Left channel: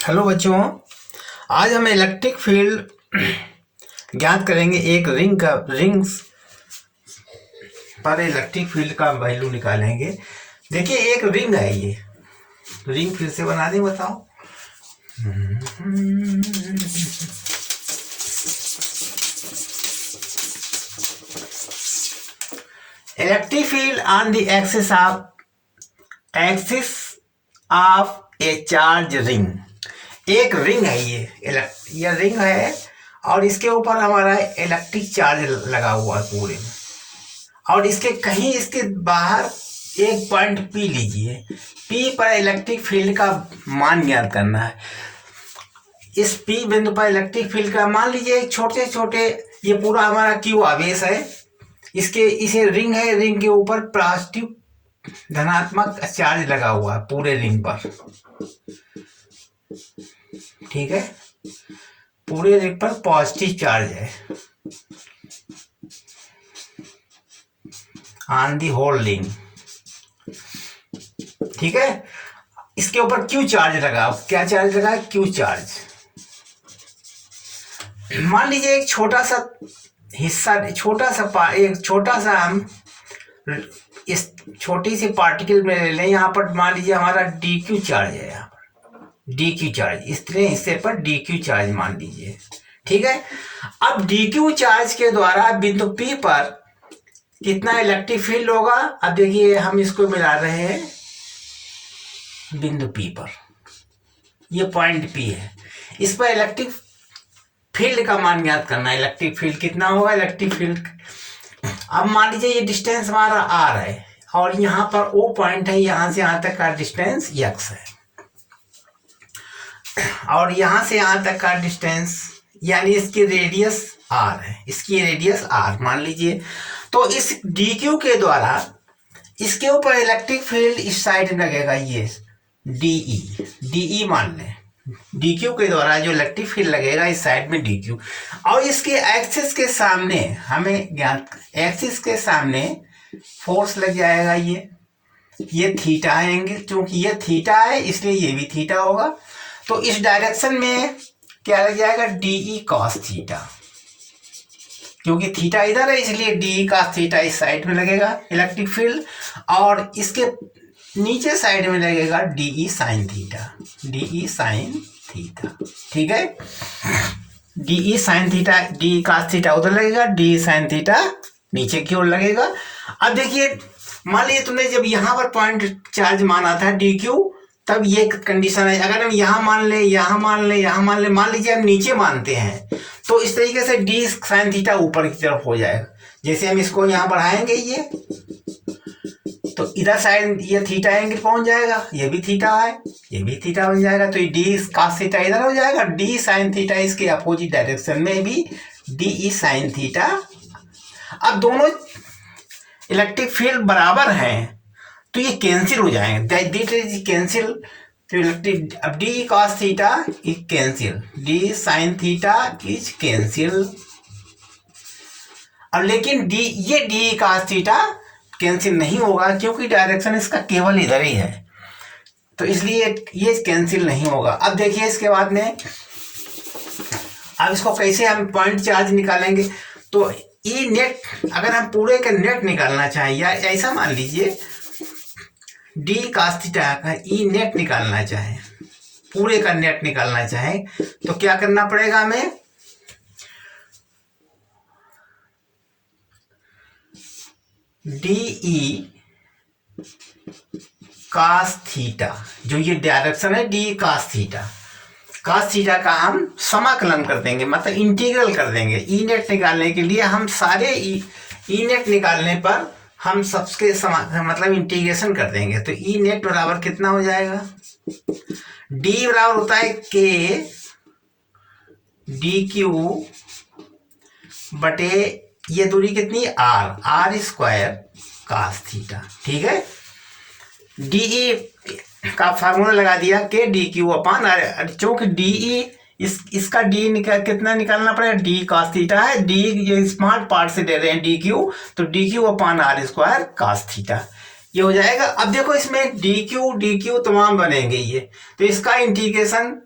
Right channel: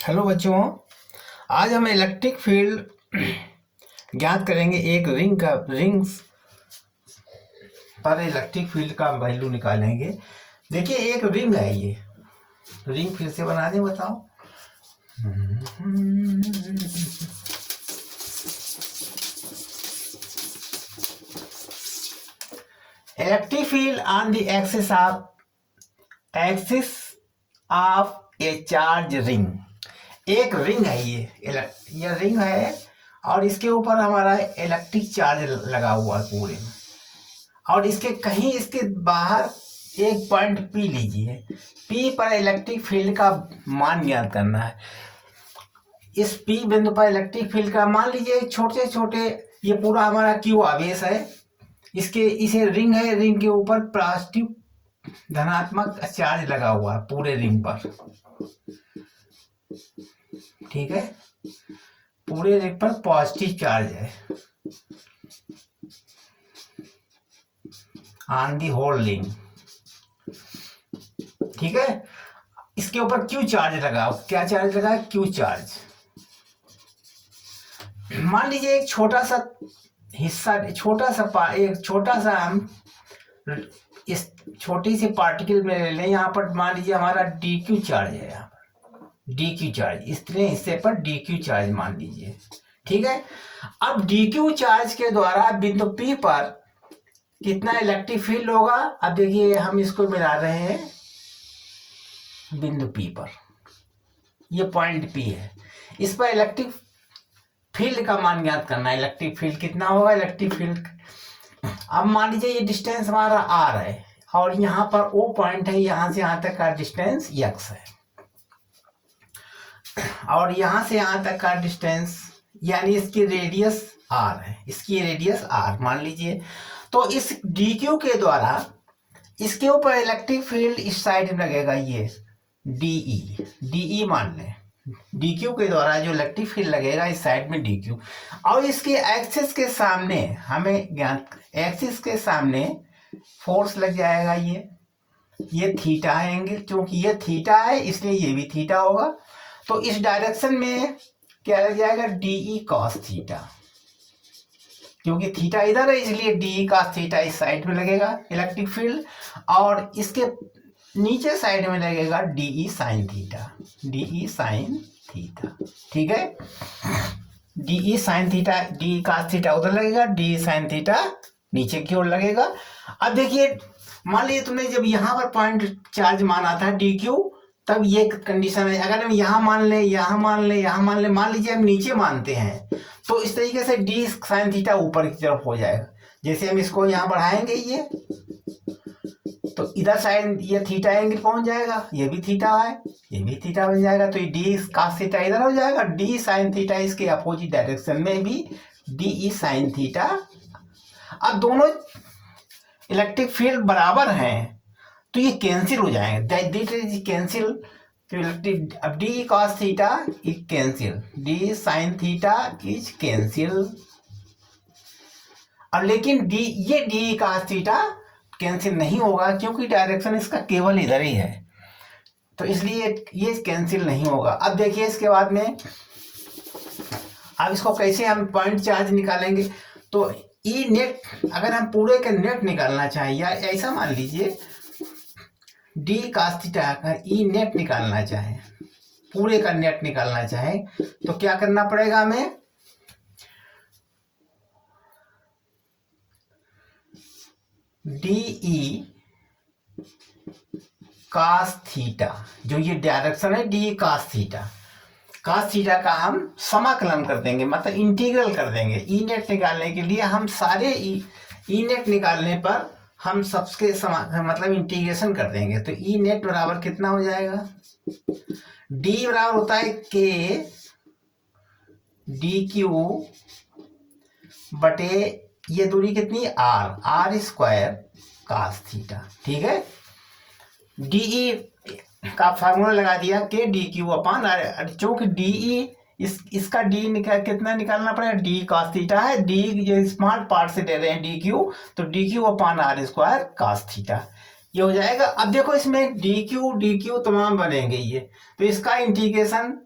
Hello बच्चों, आज हम इलेक्ट्रिक फील्ड ज्ञात करेंगे। एक रिंग्स पर इलेक्ट्रिक फील्ड का वैल्यू निकालेंगे। देखिए, एक रिंग है। ये रिंग फिर से बना दें, बताओ। Electric field on the axis of A charge ring. एक रिंग है ये रिंग है और इसके ऊपर हमारा इलेक्ट्रिक चार्ज लगा हुआ है पूरे में। और इसके कहीं इसके बाहर एक पॉइंट पी लीजिए। पी पर इलेक्ट्रिक फील्ड का मान ज्ञात करना है। इस पी बिंदु पर इलेक्ट्रिक फील्ड का मान लीजिए छोटे छोटे, ये पूरा हमारा क्यू आवेश है। इसे रिंग है, रिंग के ऊपर पॉजिटिव धनात्मक चार्ज लगा हुआ है पूरे रिंग पर। ठीक है, पूरे रिंग पर पॉजिटिव चार्ज है ऑन दी होल रिंग। ठीक है, इसके ऊपर क्यू चार्ज लगा। क्या चार्ज लगा? Q charge. मान लीजिए एक छोटा सा हिस्सा, एक छोटा सा हम इस छोटी सी पार्टिकल में ले लें। यहाँ पर मान लीजिए हमारा डी क्यू चार्ज है। यहाँ पर डी क्यू चार्ज, इतने हिस्से पर डी क्यू चार्ज मान लीजिए। ठीक है, अब डी क्यू चार्ज के द्वारा बिंदु पी पर कितना इलेक्ट्रिक फील्ड होगा? अब देखिए, हम इसको मिला रहे हैं बिंदु पी पर। ये पॉइंट पी है, इस पर इलेक्ट्रिक फील्ड का मान ज्ञात करना है। इलेक्ट्रिक फील्ड कितना होगा? इलेक्ट्रिक फील्ड, अब मान लीजिए ये डिस्टेंस हमारा आर है और यहाँ पर ओ पॉइंट है, यहाँ से यहाँ तक का डिस्टेंस एक्स है और यहाँ से यहाँ तक का डिस्टेंस यानी इसकी रेडियस आर है। इसकी रेडियस आर मान लीजिए। तो इस डी क्यू के द्वारा इसके ऊपर इलेक्ट्रिक फील्ड इस साइड में लगेगा, ये डीई मान लें। डी क्यू के द्वारा जो इलेक्ट्रिक फील्ड लगेगा इस साइड में डी क्यू, और इसके एक्सिस के सामने हमें ज्ञात, एक्सिस के सामने फोर्स लग जाएगा। ये थीटा है एंगल, क्योंकि ये थीटा है इसलिए ये भी थीटा होगा। तो इस डायरेक्शन में क्या लग जाएगा? डीई कॉस थीटा, क्योंकि थीटा इधर है इसलिए डीई कॉस थीटा इस साइड में लगेगा इलेक्ट्रिक फील्ड, और इसके नीचे साइड में लगेगा DE sine theta. DE sine theta, ठीक है। DE sine theta, DE cos theta उधर लगेगा, डीई साइन थीटा नीचे की ओर लगेगा। अब देखिए, मान लीजिए तुमने जब यहाँ पर पॉइंट चार्ज माना था डी क्यू, तब ये कंडीशन है। अगर हम यहाँ मान ले, यहाँ मान ले, यहाँ मान ले, मान लीजिए हम नीचे मानते हैं, तो इस तरीके से डी साइन थीटा ऊपर की तरफ हो जाएगा। जैसे हम इसको यहाँ बढ़ाएंगे ये, तो इधर साइड ये थीटा एंगल पहुंच जाएगा, ये भी थीटा है, ये भी थीटा बन जाएगा। तो ये डी कॉस थीटा इधर हो जाएगा, डी साइन थीटा इसके अपोजिट डायरेक्शन में भी डी साइन थीटा। अब दोनों इलेक्ट्रिक फील्ड बराबर हैं तो ये कैंसिल हो जाएंगे, दैट इज कैंसिल। अब D cos theta is cancel, D sine theta is cancel. और लेकिन ये डी कॉस थीटा कैंसिल नहीं होगा क्योंकि डायरेक्शन इसका केवल इधर ही है, तो इसलिए ये कैंसिल नहीं होगा। अब देखिए इसके बाद में, अब इसको कैसे हम पॉइंट चार्ज निकालेंगे? तो ई नेट, अगर हम पूरे का नेट निकालना चाहें, या ऐसा मान लीजिए डी कॉस थीटा का ई नेट निकालना चाहें, पूरे का नेट निकालना चाहें, तो क्या करना पड़ेगा हमें? डीई कॉस थीटा, जो ये डायरेक्शन है D cos theta, cos theta का हम समाकलन कर देंगे, मतलब इंटीग्रल कर देंगे। ई नेट निकालने के लिए हम सारे ई नेट निकालने पर हम सबके मतलब इंटीग्रेशन कर देंगे। तो ई नेट बराबर कितना हो जाएगा? डी बराबर होता है के डी क्यू बटे ये दूरी कितनी? R square cos theta. ठीक है, डीई का फार्मूला लगा दिया K D Q upon R, क्योंकि डीई इसका डी कितना निकालना पड़ेगा? डी कॉस थीटा है, डी ये स्मॉल पार्ट से दे रहे हैं डी क्यू, तो D Q upon R square cos theta. ये हो जाएगा। अब देखो इसमें डी क्यू तमाम बनेंगे ये, तो इसका इंटीग्रेशन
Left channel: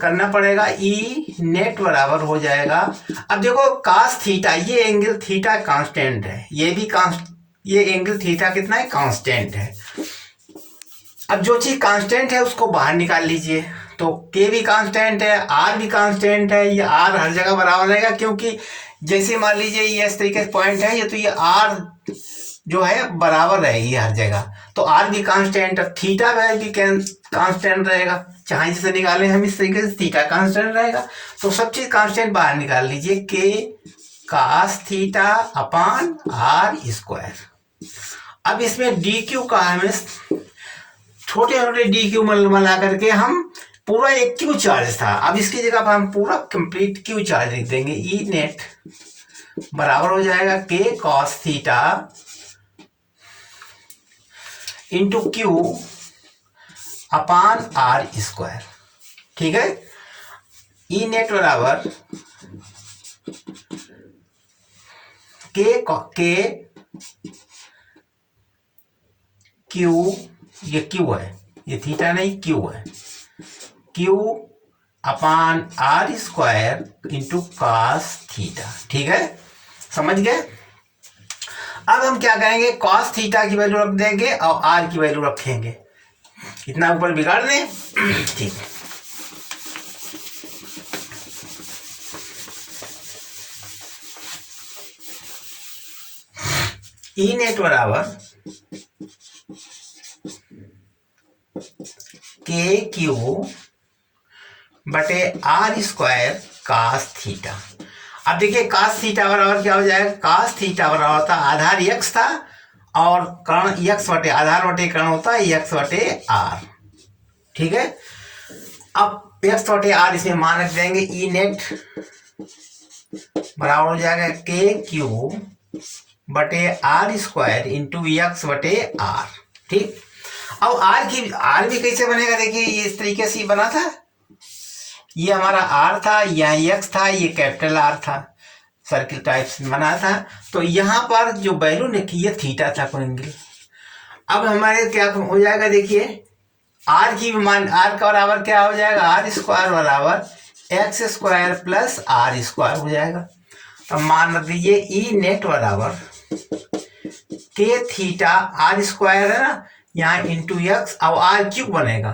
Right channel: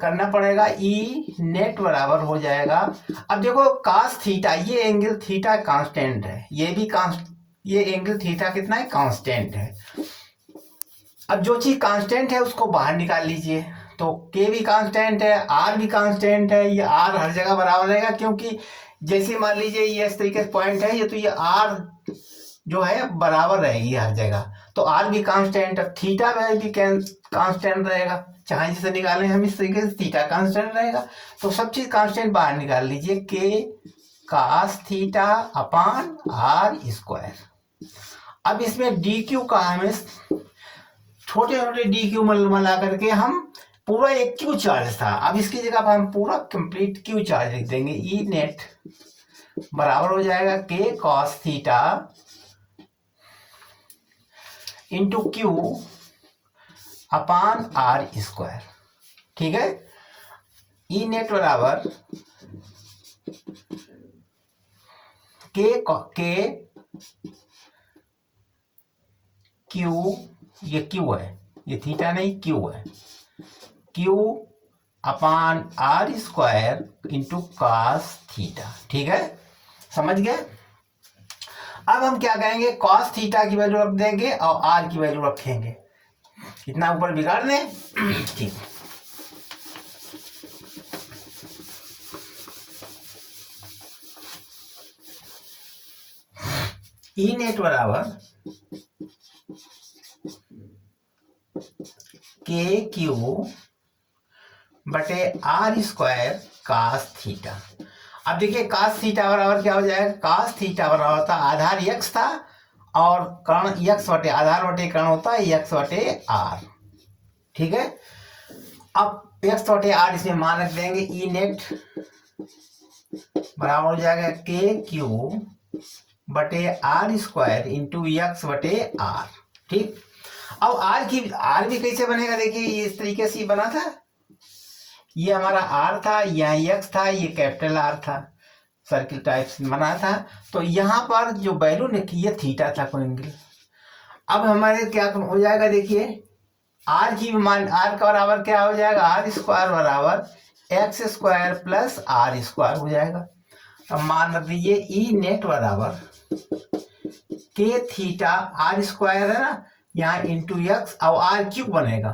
करना पड़ेगा। ई नेट बराबर हो जाएगा, अब देखो कास थीटा, ये एंगल थीटा कांस्टेंट है, ये भी ये एंगल थीटा कितना है, कांस्टेंट है। अब जो चीज कांस्टेंट है उसको बाहर निकाल लीजिए, तो के भी कांस्टेंट है, आर भी कांस्टेंट है, ये आर हर जगह बराबर रहेगा, क्योंकि जैसे मान लीजिए ये इस तरीके से पॉइंट है, ये तो ये आर जो है बराबर रहेगी हर जगह, तो आर भी कांस्टेंट, थीटा भी कांस्टेंट रहेगा, चाहे जिसे निकालें हम इस तरीके से, थीटा कांस्टेंट रहेगा, तो सब चीज कांस्टेंट बाहर निकाल लीजिए, K cos theta upon R square. अब इसमें डी क्यू का हमें छोटे छोटे डी क्यू मिला करके हम पूरा एक क्यू चार्ज था, अब इसकी जगह पर हम पूरा कंप्लीट क्यू चार्ज लिख देंगे। ई नेट बराबर हो जाएगा K cos theta into Q upon R square, ठीक है। ई नेट बराबर के क्यू, ये क्यू है, ये थीटा नहीं क्यू है, Q upon R square into cos theta, ठीक है, समझ गए। अब हम क्या करेंगे, कॉस थीटा की वैल्यू रख देंगे और आर की वैल्यू रखेंगे, इतना ऊपर बिगाड़ दें, ठीक। ई नेट बराबर के क्यू बटे आर स्क्वायर कास थीटा। अब देखिए कास थीटा बराबर क्या हो जाएगा, कास थीटा बराबर होता आधार x था और कर्ण x बटे आधार बटे कर्ण होता है x बटे आर, ठीक है। अब x बटे आर इसमें मान रख देंगे, ई नेट बराबर हो जाएगा के क्यू बटे आर स्क्वायर इंटू एक्स बटे आर, ठीक। अब आर भी कैसे बनेगा, देखिए ये इस तरीके से बना था, ये हमारा आर था, यहाँ एक्स था, ये कैपिटल आर था, सर्किल टाइप से बना था, तो यहाँ पर जो वैल्यू लिखी है थीटा था कोई एंगल। अब हमारे क्या हो जाएगा, देखिए आर की मान, आर का बराबर क्या हो जाएगा, आर स्क्वायर बराबर X square plus R square हो जाएगा। तो मान रख दीजिए ई नेट बराबर के थीटा आर स्क्वायर है ना, यहाँ इंटू एक्स और आर क्यूब बनेगा,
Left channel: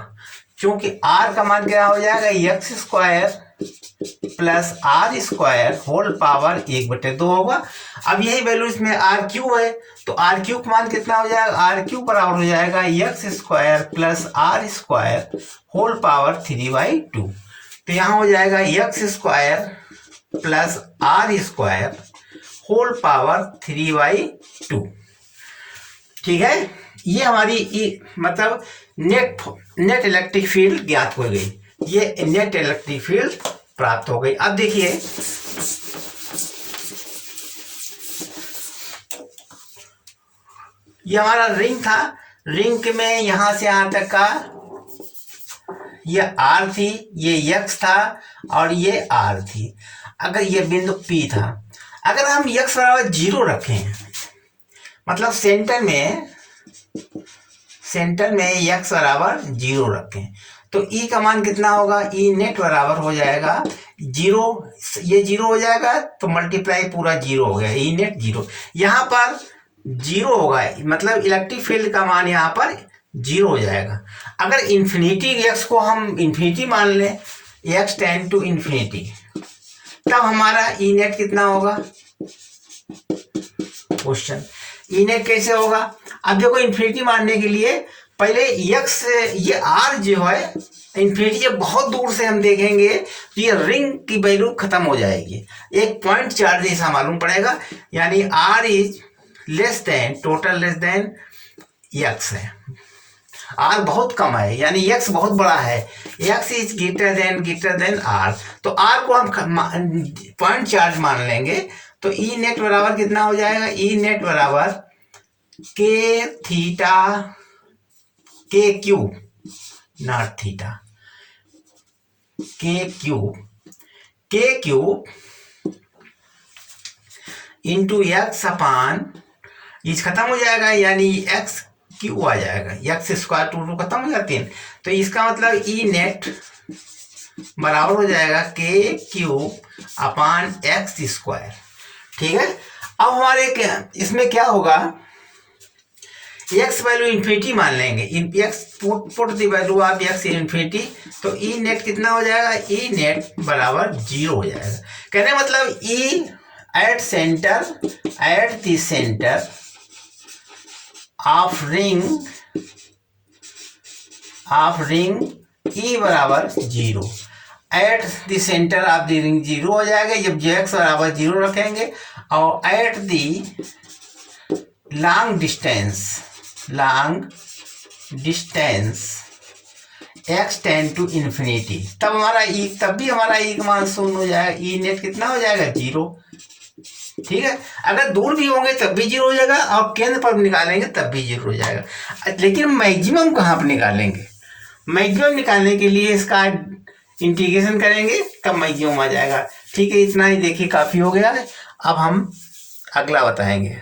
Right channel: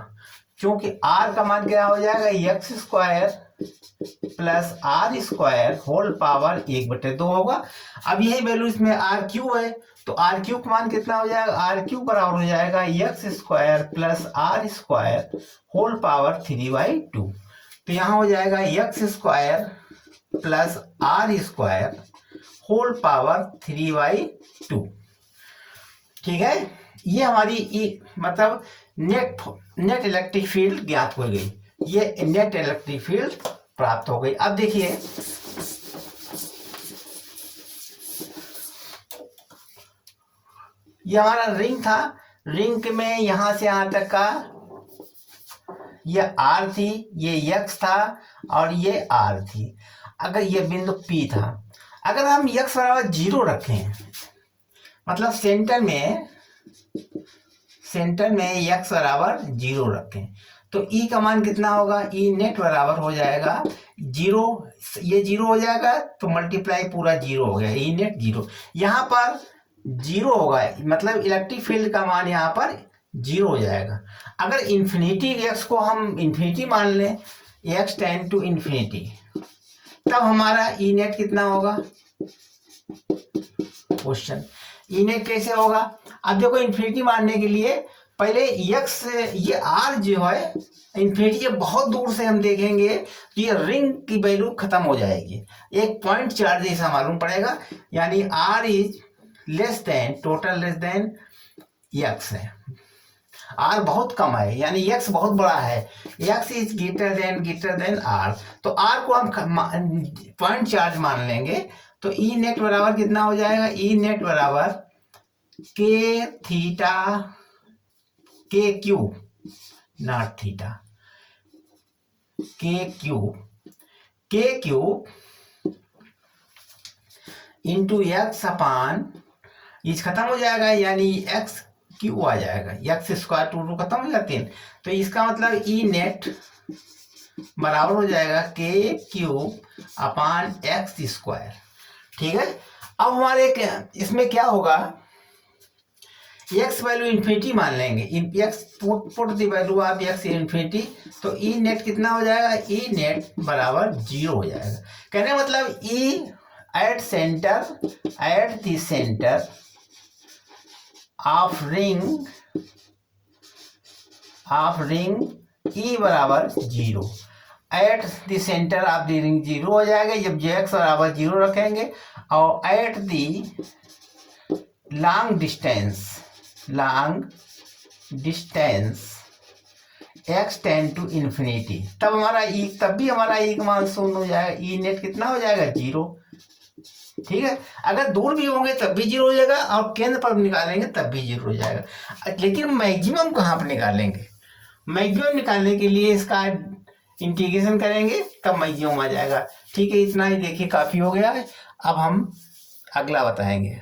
क्योंकि आर का मान क्या हो जाएगा, X square plus R square whole power 1/2 होगा। अब यही वैल्यू इसमें आर क्यूब है, तो आर क्यूब मान कितना हो जाएगा, आर क्यूब बराबर हो जाएगा X square plus R square whole power 3/2। तो यहाँ हो जाएगा X square plus R square whole power 3/2, ठीक है। ये हमारी मतलब नेट इलेक्ट्रिक फील्ड ज्ञात हो गई, ये नेट इलेक्ट्रिक फील्ड प्राप्त हो गई। अब देखिए ये हमारा रिंग था, रिंग में यहां से यहां तक का ये आर थी, ये एक्स था और ये आर थी। अगर ये बिंदु पी था, अगर हम एक्स बराबर 0 रखें, मतलब सेंटर में एक्स बराबर 0 रखें, तो ई का मान कितना होगा, ई नेट बराबर हो जाएगा 0, ये 0 हो जाएगा तो मल्टीप्लाई पूरा 0 हो गया, ई नेट 0। यहाँ पर 0 होगा, मतलब इलेक्ट्रिक फील्ड का मान यहाँ पर 0 हो जाएगा। अगर इन्फिनिटी एक्स को हम इन्फिनिटी मान लें, एक्स टेंड टू इन्फिनिटी, तब हमारा ई नेट कितना होगा, क्वेश्चन ई नेट कैसे होगा। अब देखो इन्फिनिटी मानने के लिए पहले एक्स, ये आर जो है इन्फिनिटी जब बहुत दूर से हम देखेंगे तो ये रिंग की वैल्यू खत्म हो जाएगी, एक पॉइंट चार्ज ऐसा मालूम पड़ेगा, यानी R is less than total less than X है, आर बहुत कम है, यानी एक्स बहुत बड़ा है, X is greater than R, तो आर को हम पॉइंट चार्ज मान लेंगे, तो ई नेट बराबर कितना हो जाएगा, ई नेट बराबर के थीटा के क्यूब नॉट थीटा, के क्यूब इंटू एक्स अपान ईच खत्म हो जाएगा, यानी एक्स क्यू आ जाएगा, एक्स स्क्वायर टू खत्म हो जाती है। तो इसका मतलब ई नेट बराबर हो जाएगा के क्यू अपान एक्स स्क्वायर। ठीक है, अब हमारे इसमें क्या होगा, एक्स वैल्यू इन्फिनिटी मान लेंगे, x put the value of x infinity, तो ई नेट कितना हो जाएगा, ई नेट बराबर 0 हो जाएगा। कहने मतलब E at the centre of ring E बराबर 0, at the centre of the ring 0 हो जाएगा जब जेक्स बराबर 0 रखेंगे, और at the long distance x tend to infinity, तब भी हमारा ई का मान 0 हो जाएगा, ई नेट कितना हो जाएगा 0। ठीक है, अगर दूर भी होंगे तब भी 0 हो जाएगा, और केंद्र पर निकालेंगे तब भी 0 हो जाएगा। लेकिन मैक्सिमम कहाँ पर निकालेंगे, मैक्सिमम निकालने के लिए इसका इंटीग्रेशन करेंगे तब मैक्सिमम आ जाएगा। ठीक है, इतना ही देखिए काफ़ी हो गया है, अब हम अगला बताएंगे।